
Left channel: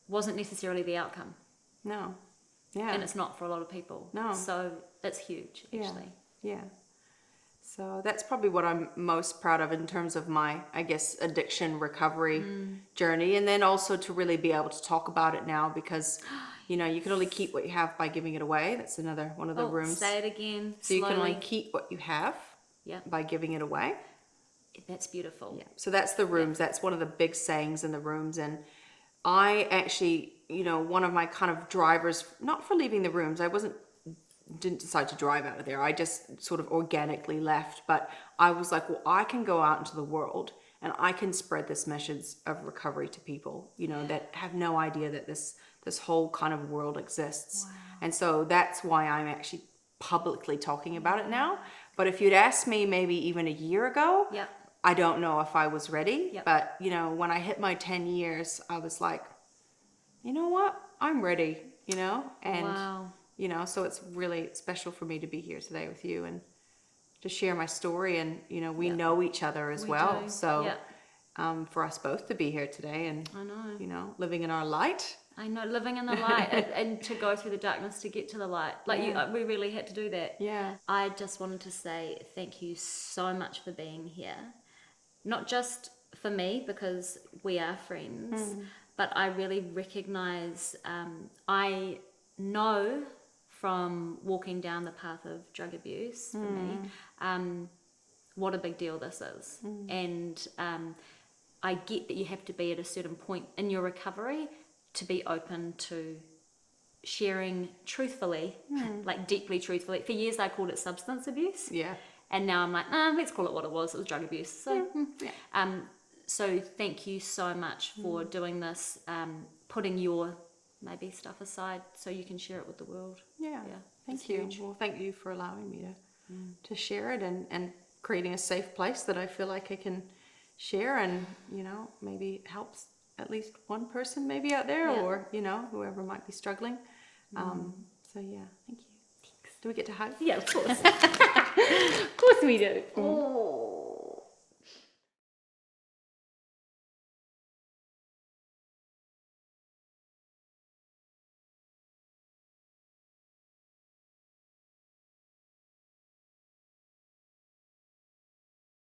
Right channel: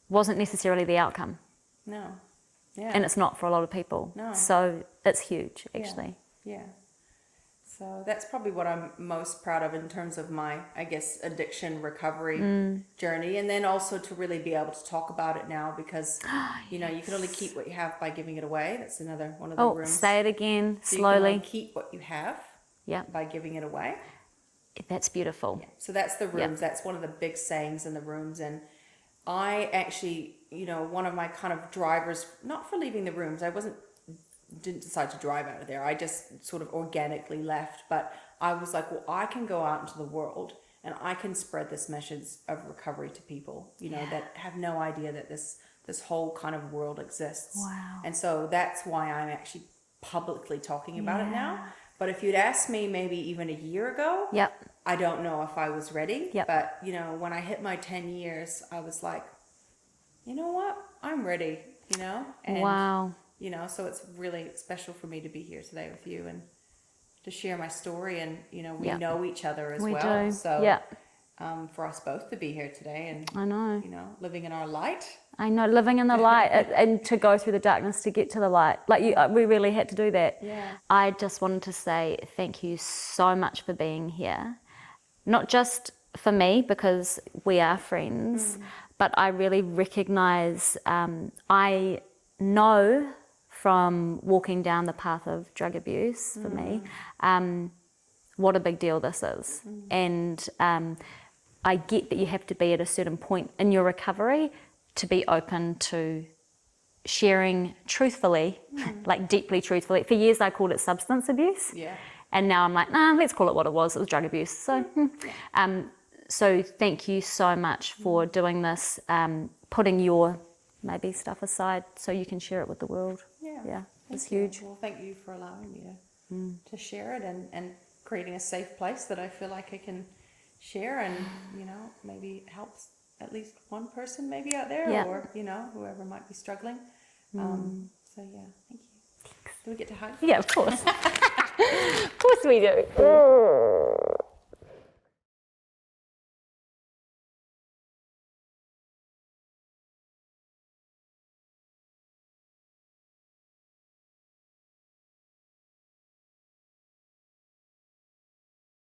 wasn't necessarily the outcome. No. Yeah. And it's not for a lot of people. No. So it's huge, actually. Yeah. So that's probably what I'm most proud of in terms of my, I guess, addiction recovery journey. And then also to really be able to talk about it now, because, you can only keep what you have by giving it away. That's another one of the rooms. Say it again, so slowly. You can only keep what you have by giving it away. That's beautiful. Yeah. So that's the rooms. That's one of the big sayings in the rooms. And I actually, one of my kind of drivers, not for leaving the rooms, I wasn't didn't decide to drive out of there. I just sort of organically left. But I was like, well, I can go out into the world and I can spread this message of recovery to people, you know, that have no idea that this whole kind of world exists. Wow. And so that's why I'm actually publicly talking about it now. But if you'd asked me maybe even a year ago, I don't know if I was ready. But, you know, when I hit my 10 years, I was like, you know what? I'm ready, you know? And, you know, so it's really special for me to be here today with you and to share my story. And, you know, we know each other as well. So for us both to be here today and, I know, you know, living in our light. I know, living in the light and to go through the darkness to get to the light. Like we really had to do that. I just wanted to say thank you so much for being here. Not just for me, because we are friends, but I really recognize, I know from walking down the path of drug abuse for me, what a big deal this is. And I get that you have to be at a certain point in your recovery to be open to sharing truthfully, like deeply truthfully. For years I called it substance abuse. And now I'm like, let's call it what it was drug abuse. So, so thank you so much for doing this, putting your maybe stuff aside so you can share it with the world. It's huge. Well, thank you for allowing me to share it and creating a safe place that I feel like I can share and, you know, maybe helps at least one person maybe out there or, you know, whoever might be struggling. So yeah, thank you. Do we get to hug? Yeah, of course. Of course we do.